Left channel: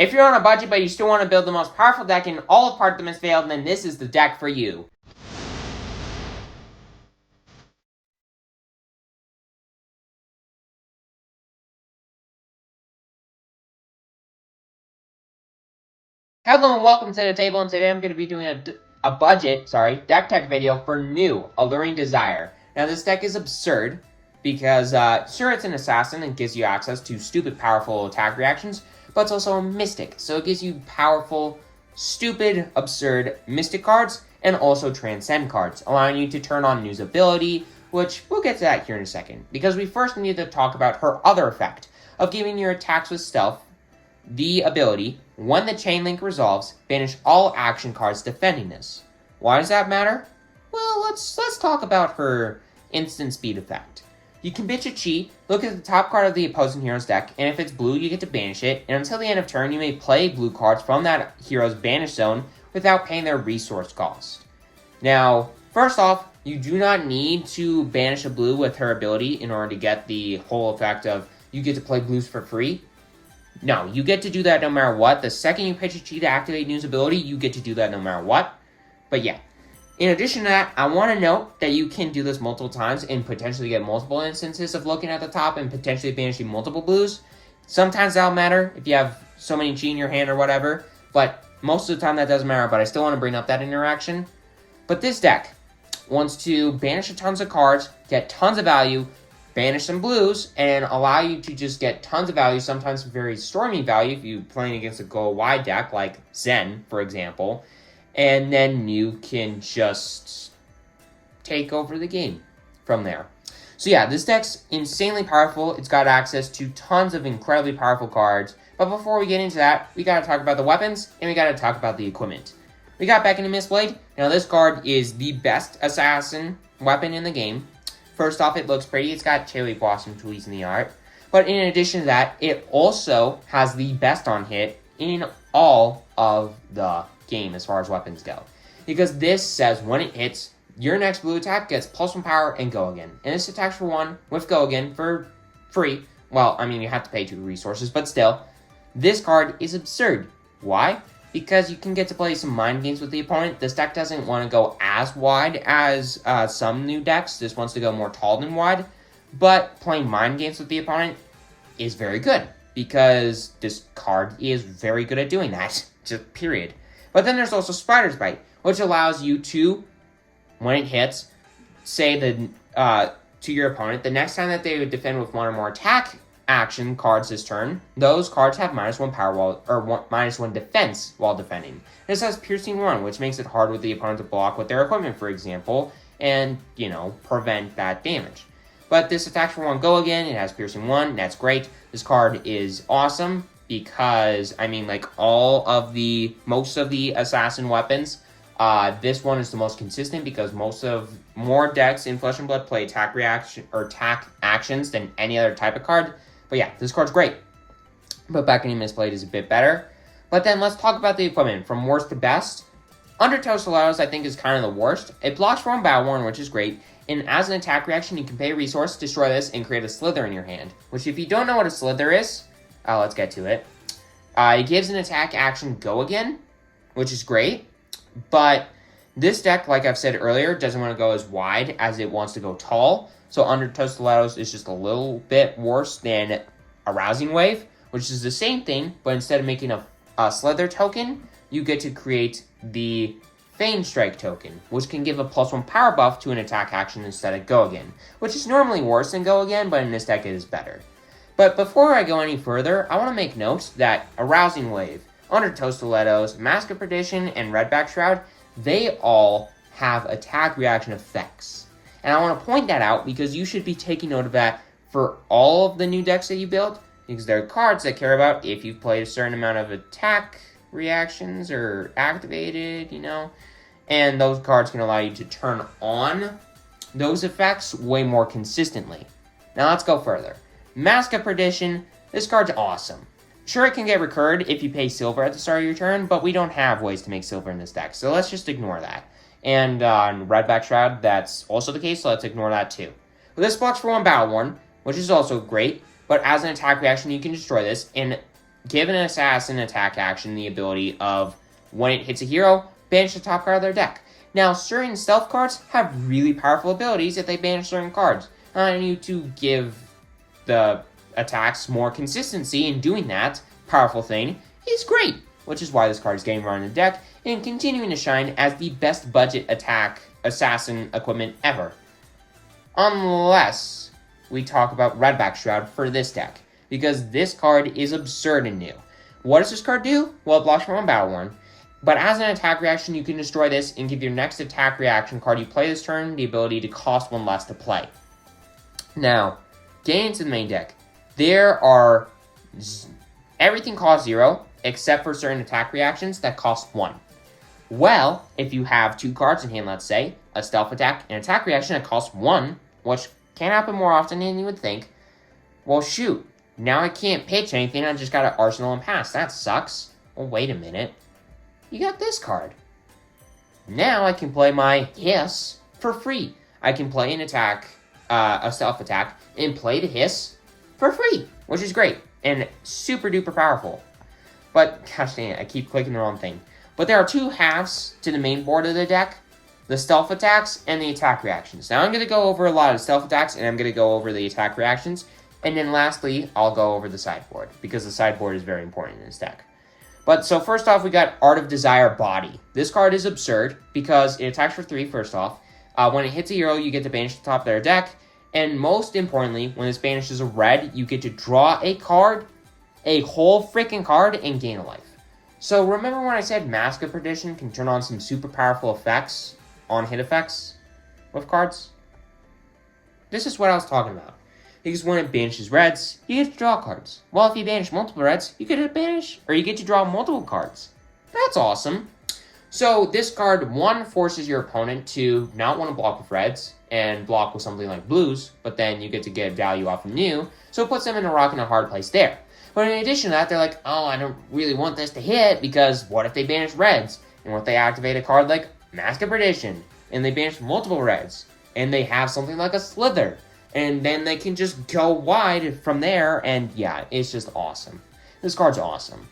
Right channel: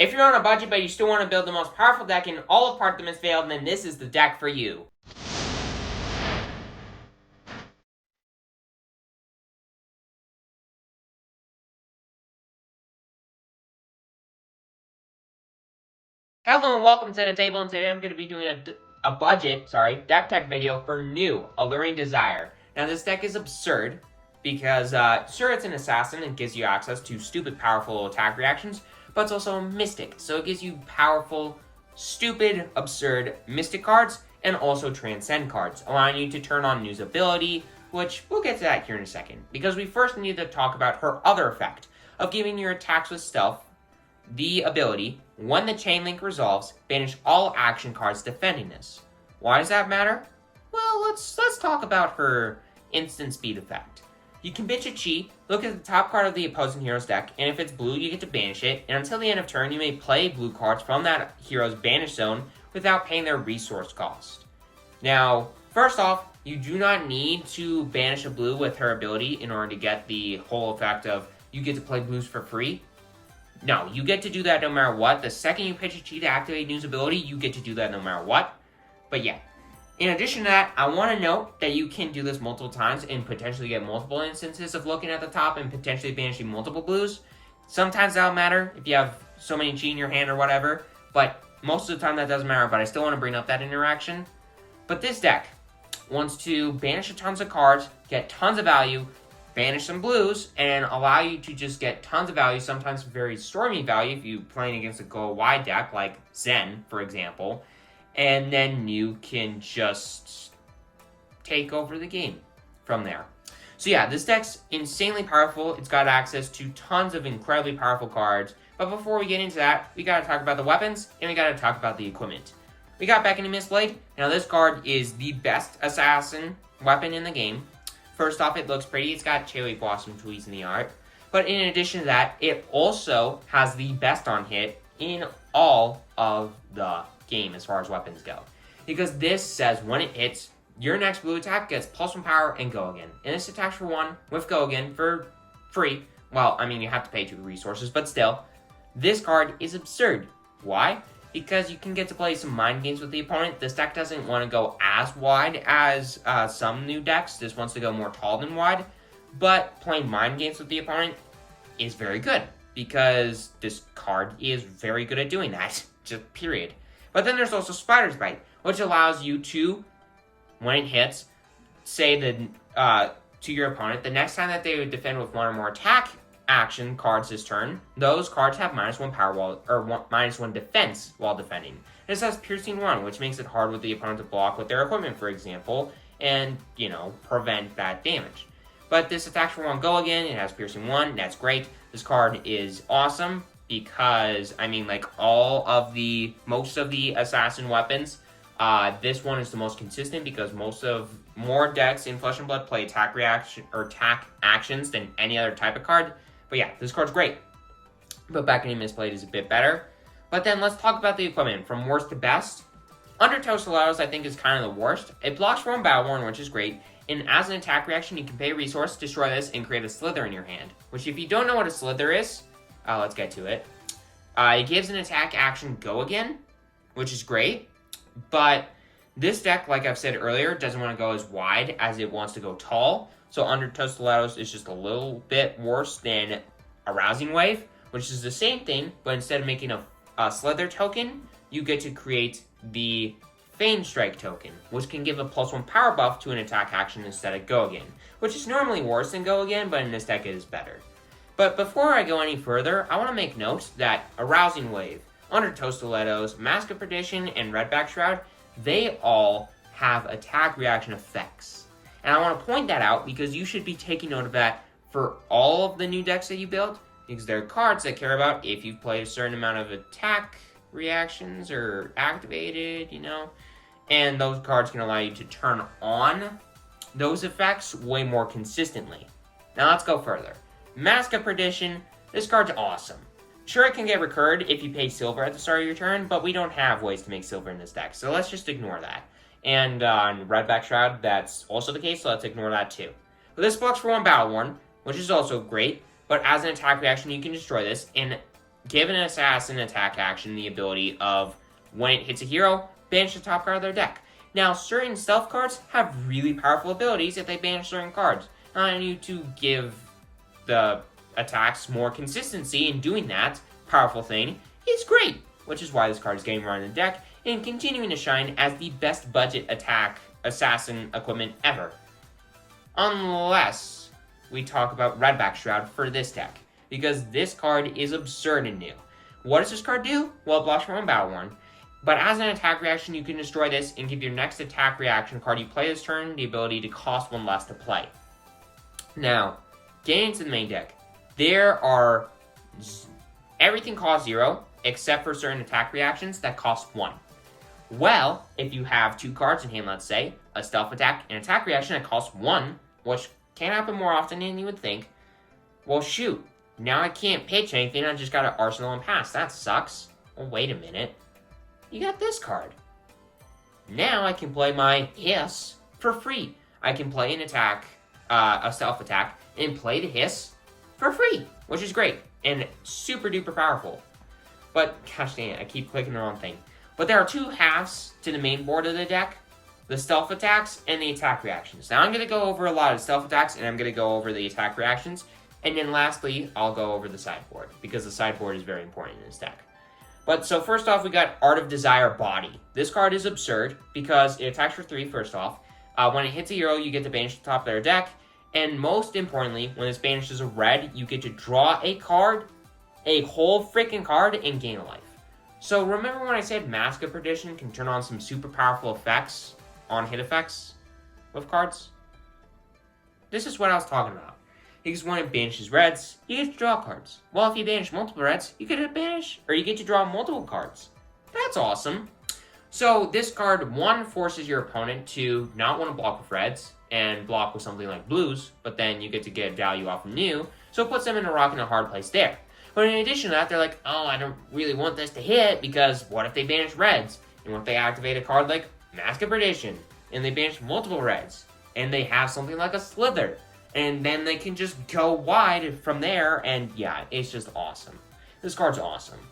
If you're on a budget but you still want to build the most powerful deck in all of Artemis Veil, then this is the deck for you. Hello and welcome to the table, and today I'm going to be doing a deck tech video for new Alluring Desire. Now this deck is absurd because, sure, it's an assassin and gives you access to stupid powerful attack reactions, but it's also a mystic, so it gives you powerful, stupid, absurd mystic cards and also transcend cards, allowing you to turn on New's ability, which we'll get to that here in a second, because we first need to talk about her other effect of giving your attacks with stealth the ability, when the chain link resolves, banish all action cards defending this. Why does that matter? Well, let's talk about her instant speed effect. You can bitch a cheat, look at the top card of the opposing hero's deck, and if it's blue, you get to banish it, and until the end of turn, you may play blue cards from that hero's banish zone without paying their resource cost. Now, first off, you do not need to banish a blue with her ability in order to get the whole effect of you get to play blues for free. No, you get to do that no matter what. The second you pitch a cheat to activate New's ability, you get to do that no matter what. But yeah. In addition to that, I want to note that you can do this multiple times and potentially get multiple instances of looking at the top and potentially banishing multiple blues. Sometimes that'll matter if you have so many cheat in your hand or whatever, but most of the time that doesn't matter, but I still want to bring up that interaction. But this deck wants to banish tons of cards, get tons of value, banish some blues, and allow you to just get tons of value, sometimes very stormy value if you're playing against a go-wide deck like Zen, for example, and then you can just take over the game from there. So yeah, this deck's insanely powerful. It's got access to tons of incredibly powerful cards, but before we get into that, we gotta talk about the weapons, and we gotta talk about the equipment. We got Back into Mistblade. Now this card is the best assassin weapon in the game. First off, it looks pretty. It's got cherry blossom tweeds in the art. But in addition to that, it also has the best on hit in all of the game as far as weapons go. Because this says when it hits, your next blue attack gets +1 power and go again. And this attacks for 1 with go again for free. Well, I mean, you have to pay 2 resources, but still. This card is absurd. Why? Because you can get to play some mind games with the opponent. This deck doesn't want to go as wide as some new decks. This wants to go more tall than wide. But playing mind games with the opponent is very good, because this card is very good at doing that. Just period. But then there's also Spider's Bite, which allows you to, when it hits, say to your opponent, the next time that they would defend with 1 or more attack action cards this turn, those cards have -1 power -1 defense while defending. This has Piercing 1, which makes it hard with the opponent to block with their equipment, for example, and, prevent that damage. But this attacks for 1 go again, it has Piercing 1, that's great. This card is awesome because, most of the assassin weapons, this one is the most consistent because more decks in Flesh and Blood play attack actions than any other type of card. But yeah, this card's great. But Back into Mistblade is a bit better. But then let's talk about the equipment. From worst to best, Undertow Stilettos I think is kind of the worst. It blocks for 1 Battle-Worn, which is great. And as an attack reaction, you can pay a resource, destroy this, and create a Slither in your hand. Which, if you don't know what a Slither is, let's get to it. It gives an attack action go again, which is great. But this deck, like I've said earlier, doesn't want to go as wide as it wants to go tall. So Undertow Stilettos is just a little bit worse than Arousing Wave, which is the same thing, but instead of making a Slither token, you get to create the Feigned Strike token, which can give a +1 power buff to an attack action instead of go again, which is normally worse than go again, but in this deck it is better. But before I go any further, I want to make note that Arousing Wave, Undertow Stilettos, Mask of Perdition, and Redback Shroud, they all have attack reaction effects. And I want to point that out because you should be taking note of that for all of the new decks that you build, because there are cards that care about if you've played a certain amount of attack reactions or activated, and those cards can allow you to turn on those effects way more consistently. Now let's go further. Mask of Perdition, this card's awesome. Sure, it can get recurred if you pay silver at the start of your turn, but we don't have ways to make silver in this deck, so let's just ignore that. And on Redback Shroud, that's also the case, so let's ignore that too. But this blocks for 1 Battle-Worn, which is also great, but as an attack reaction, you can destroy this, and give an assassin attack action the ability of, when it hits a hero, banish the top card of their deck. Now, certain stealth cards have really powerful abilities if they banish certain cards. I need to give the attacks more consistency in doing that powerful thing is great, which is why this card is getting run in the deck and continuing to shine as the best budget attack assassin equipment ever. Unless we talk about Redback Shroud for this deck, because this card is absurd and new. What does this card do? Well, it blocks from one battle worn, but as an attack reaction, you can destroy this and give your next attack reaction card you play this turn the ability to cost one less to play. Now, getting into the main deck, everything costs 0, except for certain attack reactions that cost 1. Well, if you have 2 cards in hand, let's say, a stealth attack and attack reaction that costs 1, which can happen more often than you would think, well, shoot, now I can't pitch anything, I just got an arsenal and pass. That sucks. Well, wait a minute. You got this card. Now I can play my Hiss for free. I can play an attack, a stealth attack, and play the Hiss for free, which is great and super duper powerful. But, gosh dang it, I keep clicking the wrong thing. But there are 2 halves to the main board of the deck, the stealth attacks and the attack reactions. Now I'm going to go over a lot of stealth attacks and I'm going to go over the attack reactions. And then lastly, I'll go over the sideboard, because the sideboard is very important in this deck. But so first off, we got Art of Desire Body. This card is absurd because it attacks for 3 first off. When it hits a hero, you get to banish the top of their deck. And most importantly, when this banishes a red, you get to draw a card, a whole freaking card, and gain a life. So remember when I said Mask of Perdition can turn on some super powerful effects on hit effects with cards? This is what I was talking about. Because when it banishes reds, you get to draw cards. Well, if you banish multiple reds, you get to draw multiple cards. That's awesome. So this card, 1, forces your opponent to not want to block with reds and block with something like blues, but then you get to get value off of new, so it puts them in a rock and a hard place there. But in addition to that, they're like, oh, I don't really want this to hit, because what if they banish reds? And what if they activate a card like Mask of Perdition, and they banish multiple reds, and they have something like a Slither, and then they can just go wide from there, and yeah, it's just awesome. This card's awesome.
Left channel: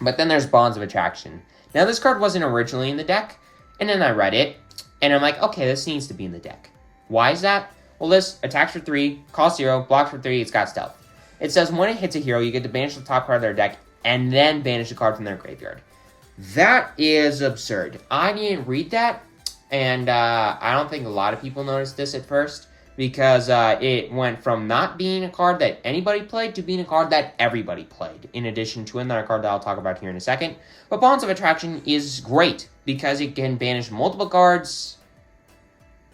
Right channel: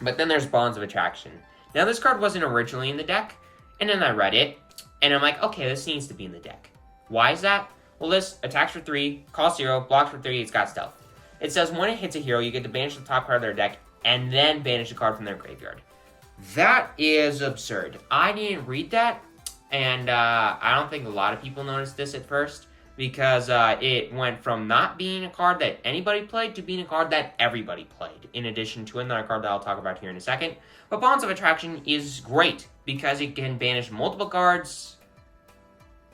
But then there's Bonds of Attraction. Now, this card wasn't originally in the deck, and then I read it, and I'm like, okay, this needs to be in the deck. Why is that? Well, this attacks for 3, costs 0, blocks for 3, it's got stealth. It says when it hits a hero, you get to banish the top card of their deck, and then banish a card from their graveyard. That is absurd. I didn't read that, and I don't think a lot of people noticed this at first, because it went from not being a card that anybody played to being a card that everybody played, in addition to another card that I'll talk about here in a second. But Bonds of Attraction is great, because it can banish multiple cards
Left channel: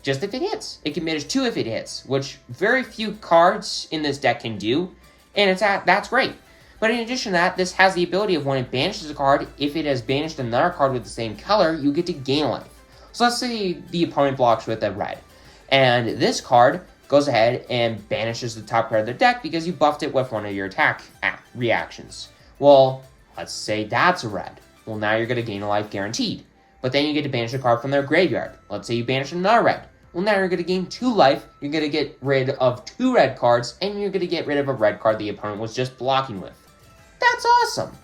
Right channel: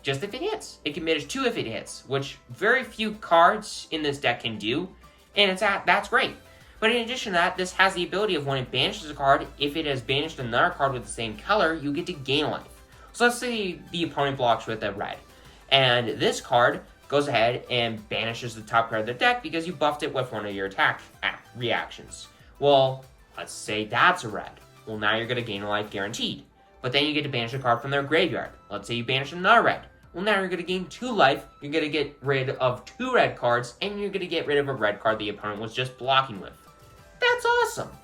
just if it hits. It can banish 2 if it hits, which very few cards in this deck can do, and that's great. But in addition to that, this has the ability of when it banishes a card, if it has banished another card with the same color, you get to gain life. So let's say the opponent blocks with a red, and this card goes ahead and banishes the top card of their deck because you buffed it with one of your attack reactions. Well, let's say that's a red. Well, now you're going to gain a life guaranteed. But then you get to banish a card from their graveyard. Let's say you banish another red. Well, now you're going to gain 2 life, you're going to get rid of 2 red cards, and you're going to get rid of a red card the opponent was just blocking with. That's awesome!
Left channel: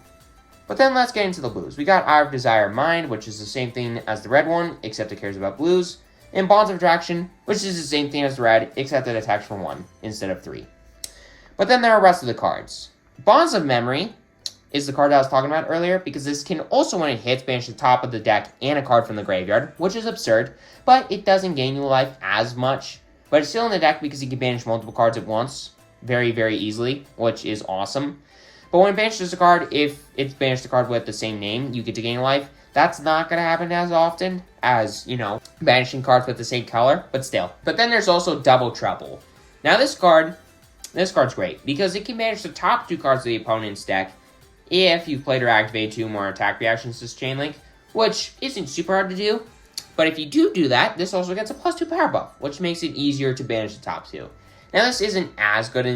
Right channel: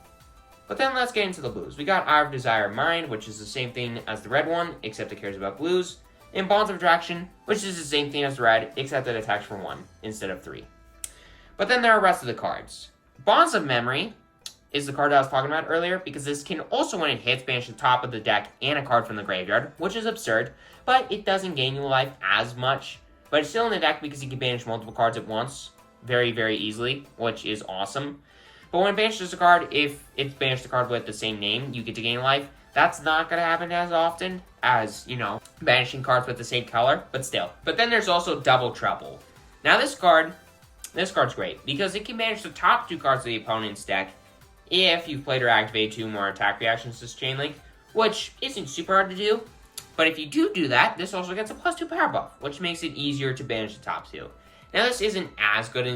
But then let's get into the blues. We got Eye of Desire Mind, which is the same thing as the red one, except it cares about blues. And Bonds of Attraction, which is the same thing as the red, except it attacks for 1 instead of 3. But then there are the rest of the cards. Bonds of Memory is the card I was talking about earlier, because this can also, when it hits, banish the top of the deck and a card from the graveyard, which is absurd, but it doesn't gain you life as much. But it's still in the deck because you can banish multiple cards at once very, very easily, which is awesome. But when it banishes a card, if it's banished a card with the same name, you get to gain life. That's not going to happen as often as, banishing cards with the same color, but still. But then there's also Double Trouble. Now this card's great, because it can banish the top 2 cards of the opponent's deck if you've played or activated 2 more attack reactions this Chain Link, which isn't super hard to do. But if you do that, this also gets a +2 power buff, which makes it easier to banish the top 2. Now, this isn't as good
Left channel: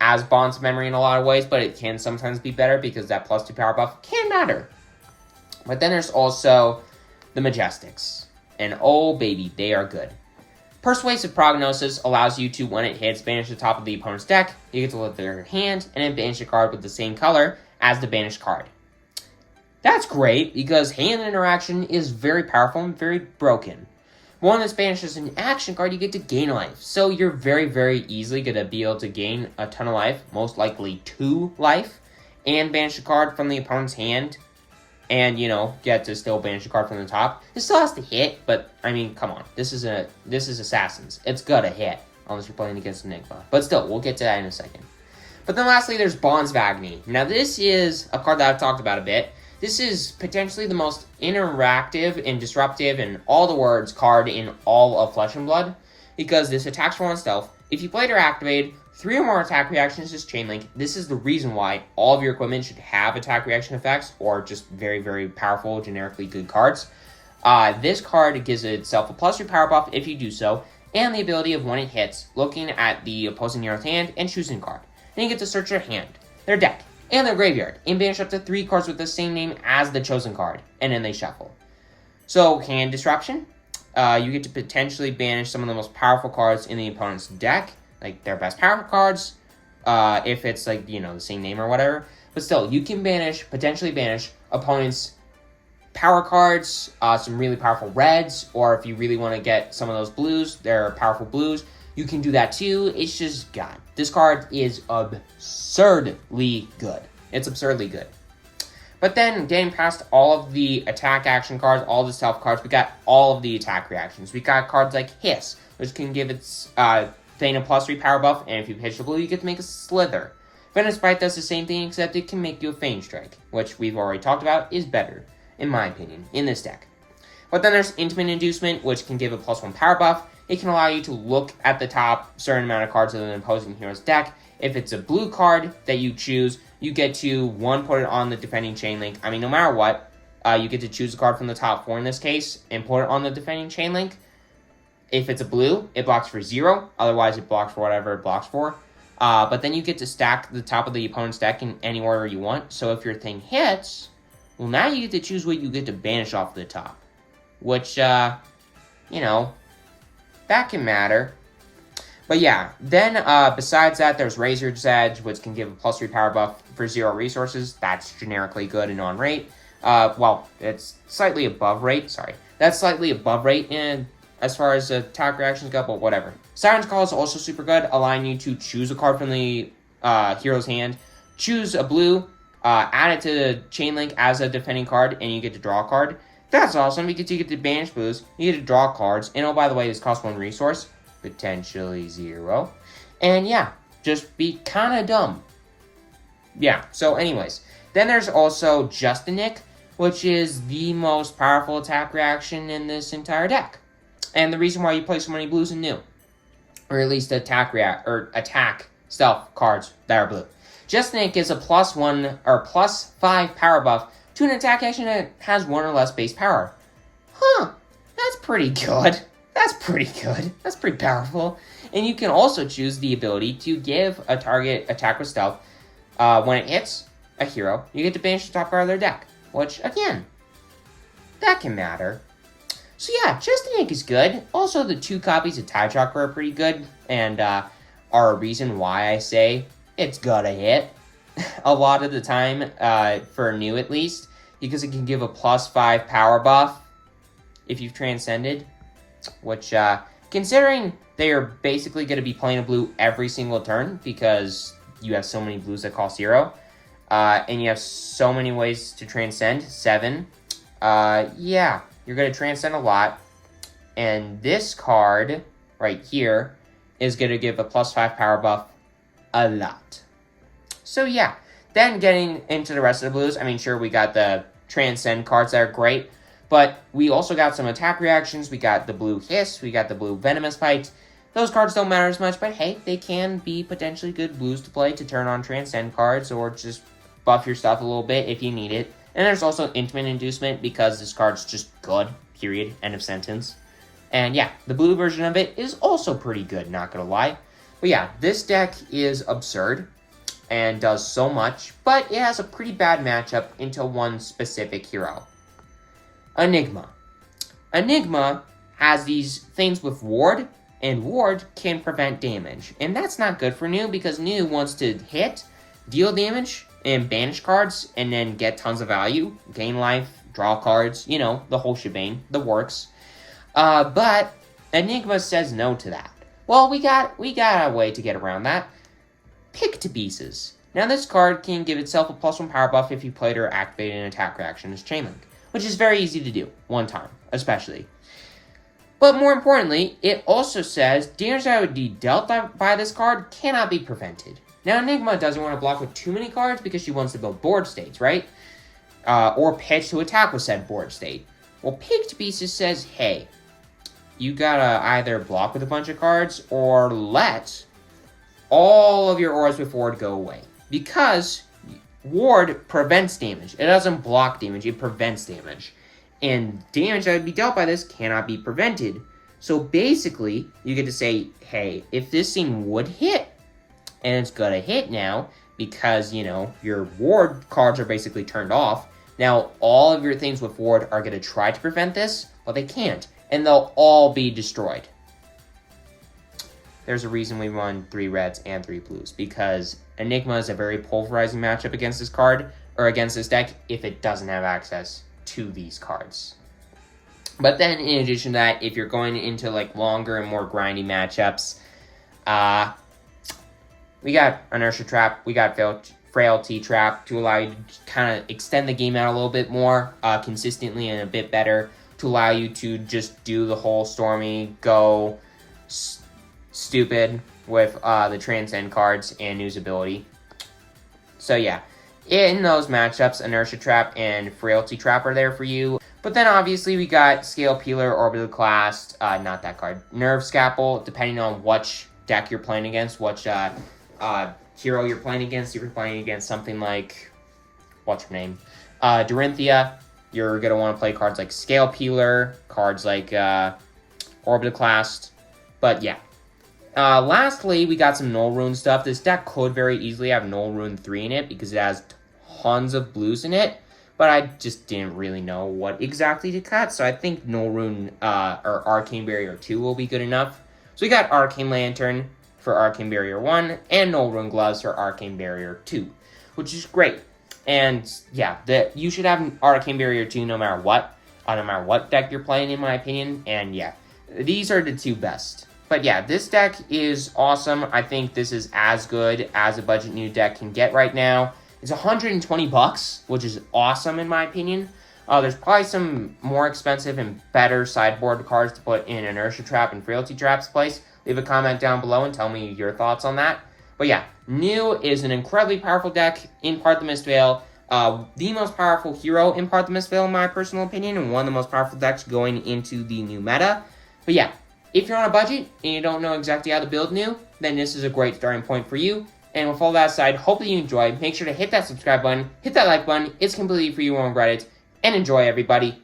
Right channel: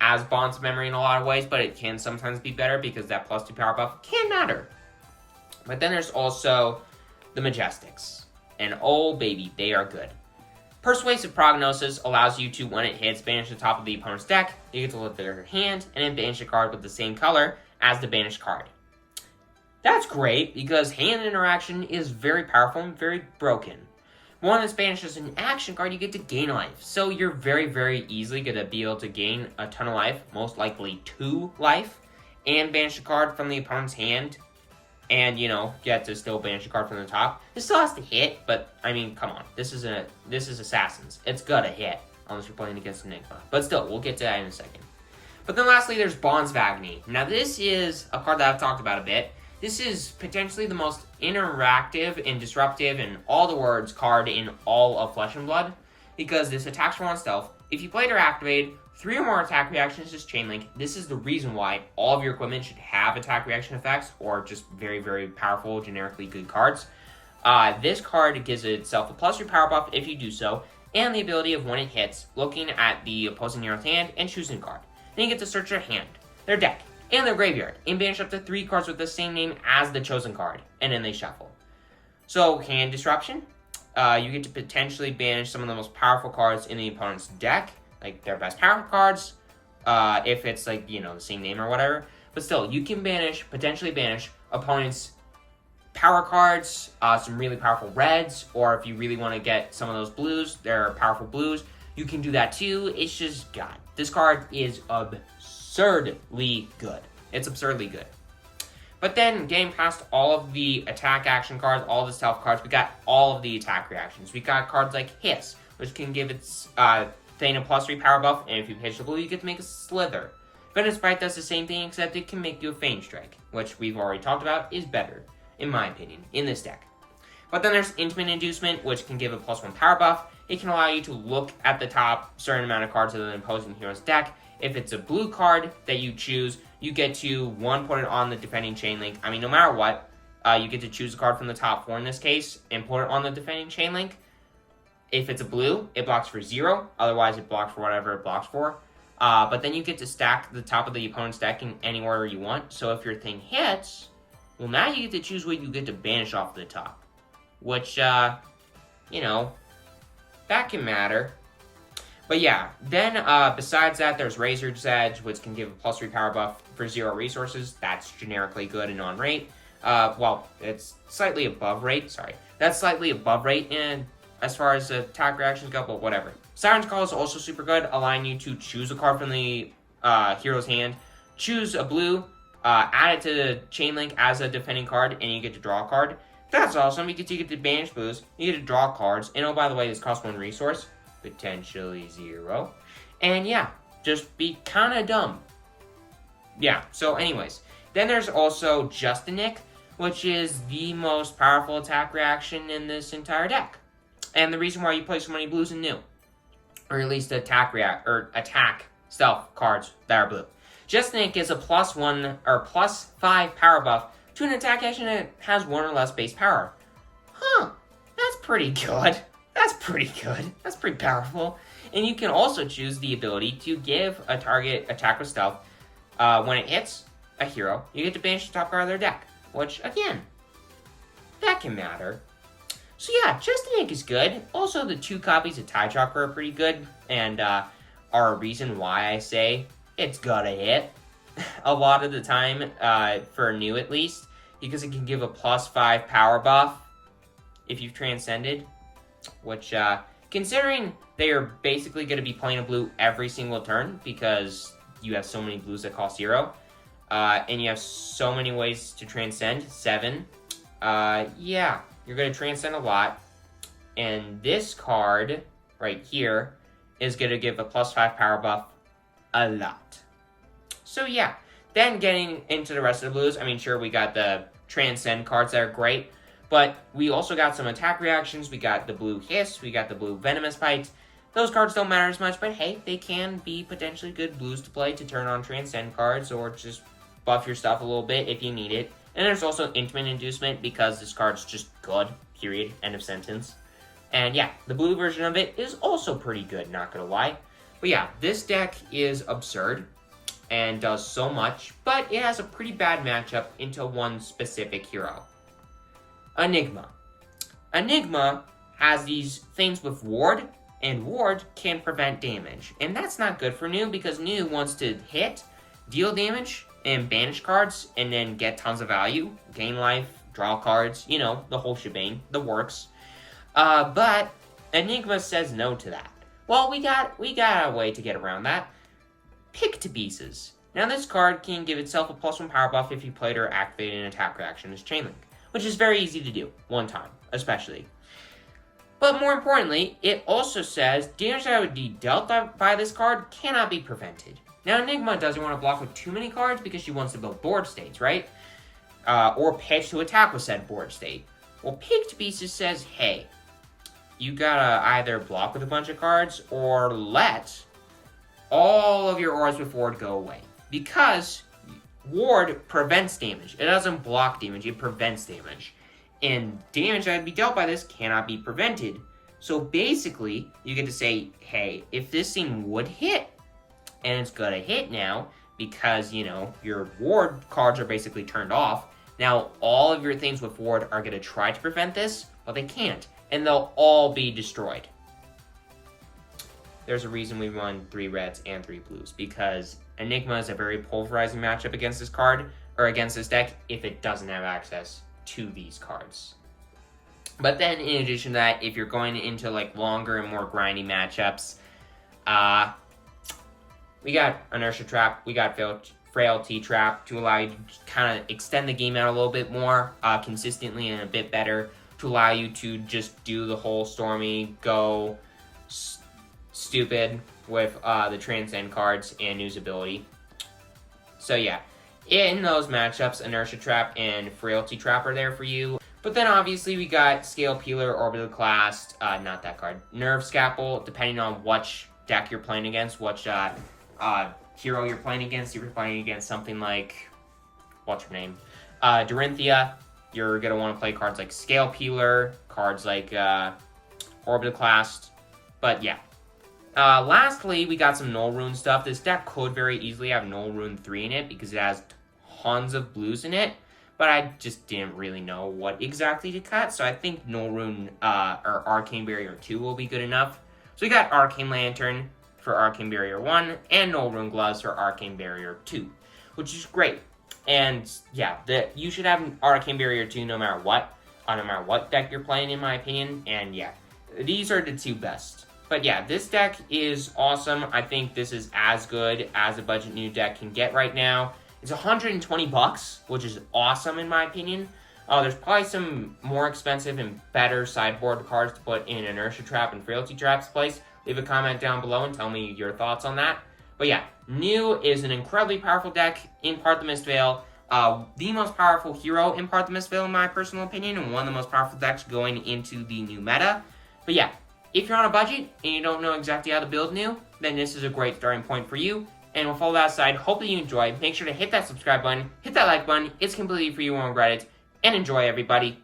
as Bonds of Memory in a lot of ways, but it can sometimes be better because that +2 power buff can matter. But then there's also the Majestics. And oh, baby, they are good. Persuasive Prognosis allows you to, when it hits, banish the top of the opponent's deck. You get to look at their hand, and then banish a card with the same color as the banished card. That's great, because hand interaction is very powerful and very broken. When this banishes an action card, you get to gain life. So you're very, very easily going to be able to gain a ton of life, most likely 2 life, and banish a card from the opponent's hand, and, get to still banish a card from the top. It still has to hit, but, I mean, come on. This is Assassins. It's gotta hit, unless you're playing against Enigma. But still, we'll get to that in a second. But then lastly, there's Bonds of Agony. Now, this is a card that I've talked about a bit. This is potentially the most interactive and disruptive and all the words card in all of Flesh and Blood, because this attacks for 1 stealth. If you play it or activate 3 or more attack reactions as chain link, this is the reason why all of your equipment should have attack reaction effects, or just very, very powerful, generically good cards. This card gives itself a +3 power buff if you do so, and the ability of when it hits, looking at the opposing hero's hand and choosing a card. Then you get to search their hand, their deck, and their graveyard, and banish up to 3 cards with the same name as the chosen card, and then they shuffle. So, hand disruption. You get to potentially banish some of the most powerful cards in the opponent's deck, like their best power cards, if it's like, the same name or whatever. But still, you can potentially banish opponents' power cards, some really powerful reds, or if you really want to get some of those blues, their powerful blues, you can do that too. It's just, God, this card is absurdly good. It's absurdly good. But then, getting past all of the attack action cards, all the stealth cards, we got all of the attack reactions. We got cards like Hiss, which can give its thing a +3 power buff, and if you pitch the blue, you get to make a Slither. Venomous Bite does the same thing, except it can make you a Feign Strike, which we've already talked about is better, in my opinion, in this deck. But then there's Intimate Inducement, which can give a +1 power buff. It can allow you to look at the top certain amount of cards of the opposing hero's deck. If it's a blue card that you choose, you get to, 1, put it on the defending chain link. I mean, no matter what, you get to choose a card from the top 4 in this case, and put it on the defending chain link. If it's a blue, it blocks for 0. Otherwise, it blocks for whatever it blocks for. But then you get to stack the top of the opponent's deck in any order you want. So if your thing hits, well, now you get to choose what you get to banish off the top. Which, that can matter. But yeah, then besides that, there's Razor's Edge, which can give a +3 power buff for 0 resources. That's generically good and on rate. Well, it's slightly above rate, sorry. That's slightly above rate in as far as attack reactions go, but whatever. Siren's Call is also super good, allowing you to choose a card from the hero's hand, choose a blue, add it to the chain link as a defending card, and you get to draw a card. That's awesome, because you get to banish blues, you get to draw cards, and oh, by the way, this costs 1 resource, potentially 0. And yeah, just be kind of dumb. Yeah, so anyways. Then there's also Justinic, which is the most powerful attack reaction in this entire deck. And the reason why you play so many blues in new. Or at least attack stealth cards that are blue. Justinic gives a +1 or +5 power buff to an attack action that has 1 or less base power. Huh, that's pretty good. That's pretty good. That's pretty powerful. And you can also choose the ability to give a target attack with stealth. When it hits a hero, you get to banish the top card of their deck. Which, again, that can matter. So yeah, Justinic is good. Also, the 2 copies of Tide Chakra are pretty good. And are a reason why I say it's gotta hit. A lot of the time, for new at least. Because it can give a +5 power buff if you've transcended. Which, considering they are basically going to be playing a blue every single turn, because you have so many blues that cost 0, and you have so many ways to transcend, 7, yeah, you're going to transcend a lot, and this card, right here, is going to give a +5 power buff a lot. So yeah, then getting into the rest of the blues, I mean, sure, we got the transcend cards that are great, but we also got some attack reactions. We got the blue Hiss. We got the blue Venomous Bite. Those cards don't matter as much, but hey, they can be potentially good blues to play to turn on Transcend cards or just buff your stuff a little bit if you need it. And there's also Intimate Inducement because this card's just good, period, end of sentence. And yeah, the blue version of it is also pretty good, not gonna lie. But yeah, this deck is absurd and does so much, but it has a pretty bad matchup into one specific hero. Enigma. Enigma has these things with Ward and Ward can prevent damage. And that's not good for New, because New wants to hit, deal damage, and banish cards, and then get tons of value, gain life, draw cards, you know, the whole shebang, the works. But Enigma says no to that. Well, we got a way to get around that. Pick to Pieces. Now this card can give itself a +1 power buff if you played or activated an attack reaction as Chain Link, which is very easy to do, one time, especially. But more importantly, it also says damage that would be dealt by this card cannot be prevented. Now Enigma doesn't want to block with too many cards because she wants to build board states, right? Or pitch to attack with said board state. Well, Pick to Pieces says, hey, you gotta either block with a bunch of cards or let all of your auras with Ward go away. Because Ward prevents damage. It doesn't block damage, it prevents damage. And damage that would be dealt by this cannot be prevented. So basically, you get to say, hey, if this thing would hit, and it's gonna hit now, because, you know, your Ward cards are basically turned off, now all of your things with Ward are gonna try to prevent this, but they can't. And they'll all be destroyed. There's a reason we run 3 reds and 3 blues, because Enigma is a very pulverizing matchup against this card, or against this deck, if it doesn't have access to these cards. But then, in addition to that, if you're going into like longer and more grindy matchups, we got Inertia Trap, we got Frailty Trap to allow you to kind of extend the game out a little bit more consistently and a bit better, to allow you to just do the whole Stormy, go stupid with the Transcend cards and News ability. So yeah, in those matchups, Inertia Trap and Frailty Trap are there for you. But then obviously we got Scale Peeler, Orbital Clast, not that card, Nerve Scalpel, depending on which deck you're playing against, which hero you're playing against. If you're playing against something like, what's her name? Dorinthia, you're going to want to play cards like Scale Peeler, cards like Orbital Clast, but yeah. Lastly, we got some Null Rune stuff. This deck could very easily have Null Rune 3 in it because it has tons of blues in it, but I just didn't really know what exactly to cut, so I think Null Rune or Arcane Barrier 2 will be good enough. So we got Arcane Lantern for Arcane Barrier 1 and Null Rune Gloves for Arcane Barrier 2, which is great. And yeah, you should have Arcane Barrier 2 no matter what deck you're playing, in my opinion. And yeah, these are the 2 best. But yeah, this deck is awesome. I think this is as good as a budget new deck can get right now. It's $120, which is awesome in my opinion. There's probably some more expensive and better sideboard cards to put in Inertia Trap and Frailty Trap's place. Leave a comment down below and tell me your thoughts on that. But yeah, New is an incredibly powerful deck in Part the Mist Veil. The most powerful hero in Part the Mist Veil, in my personal opinion, and one of the most powerful decks going into the new meta. But yeah, if you're on a budget and you don't know exactly how to build New, then this is a great starting point for you. And with all that aside, hopefully you enjoyed. Make sure to hit that subscribe button, hit that like button. It's completely free, you won't regret it. And enjoy, everybody.